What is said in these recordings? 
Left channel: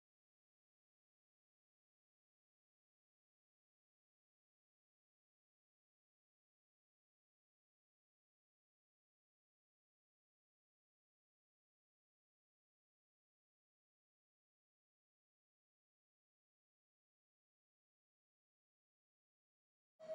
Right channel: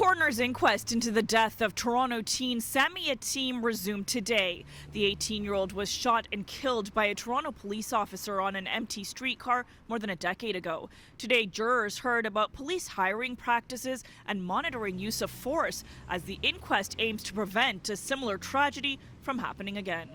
Coroner's inquest into the death of Toronto teen Sammy Yatim resumed today. The 18-year-old was shot and killed by a Toronto police officer on an empty streetcar more than a decade ago. Today, jurors heard about police hiring practices and monitoring use of force as the inquest aims to prevent a similar tragedy from happening again.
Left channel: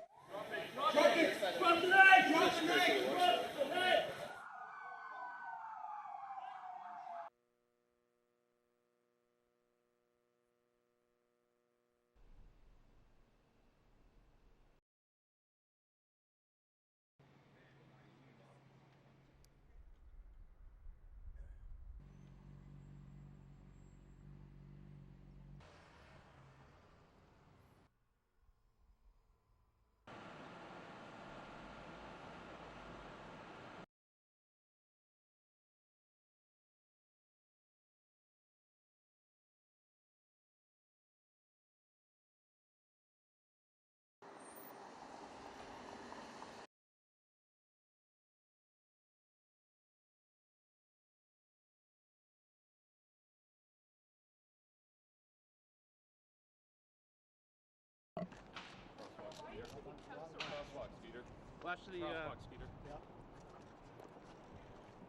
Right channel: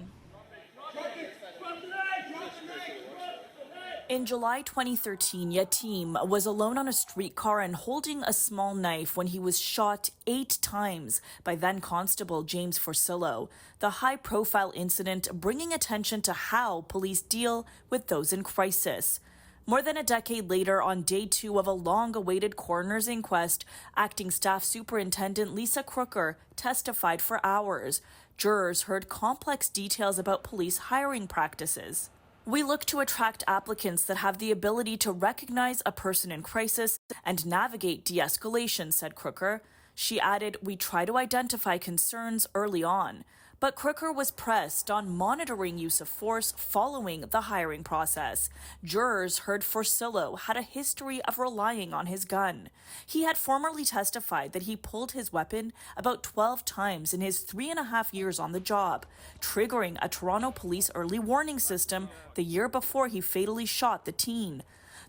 In July 2013, Yatim was alone on a streetcar and holding a small knife when he was shot 8 times by then Constable James Forcillo. The high-profile incident bringing attention to how police deal with those in crisis. More than a decade later, on day 2 of a long-awaited coroner's inquest, Acting Staff Superintendent Lisa Crooker testified for hours. Jurors heard complex details about police hiring practices. We look to attract applicants that have the ability to recognize a person in crisis and navigate de-escalation, said Crooker. She added, we try to identify concerns early on. But Crooker was pressed on monitoring use of force following the hiring process. Jurors heard Forcillo had a history of relying on his gun. He had formerly testified that he pulled his weapon about 12 times in his 3.5 years on the job, triggering a Toronto police early warning system the year before he fatally shot the teen.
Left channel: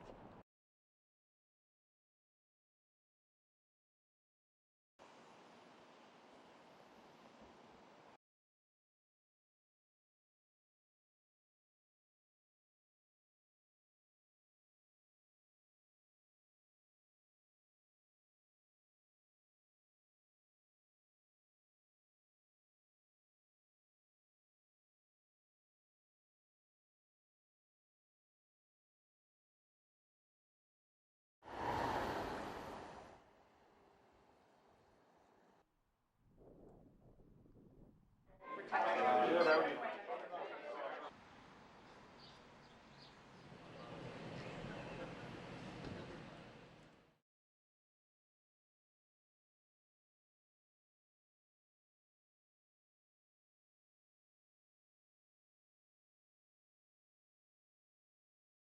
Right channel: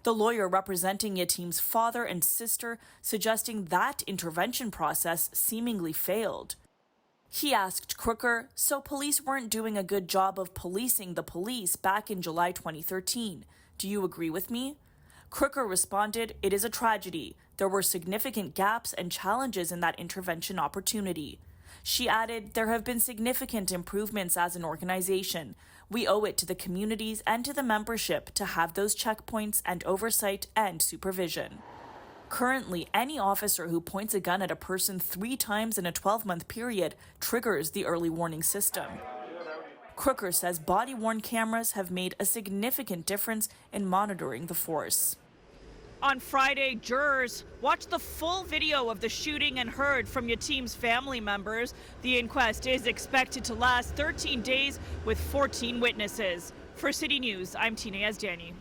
The lawyer representing Yatim's father and sister suggesting that intervention process seemingly failed. He asked Crooker, so police weren't doing a good job of policing the police back in July 2013. Do you agree with me? Crooker responded, it is a tragedy. There were significant gaps and challenges in that intervention opportunity. She added, there have been significant improvements as an organization. We owe it to the communities and to the membership to have those checkpoints and oversight and supervision. Currently, any officer who points a gun at a person 3 times in a 12-month period triggers the early warning system. Crooker says body-worn cameras have made a significant difference in monitoring the force. On Friday, jurors watched the full video of the shooting and heard from Yatim's family members. The inquest is expected to last 13 days with 14 witnesses. For City News, I'm Tina Yazdani.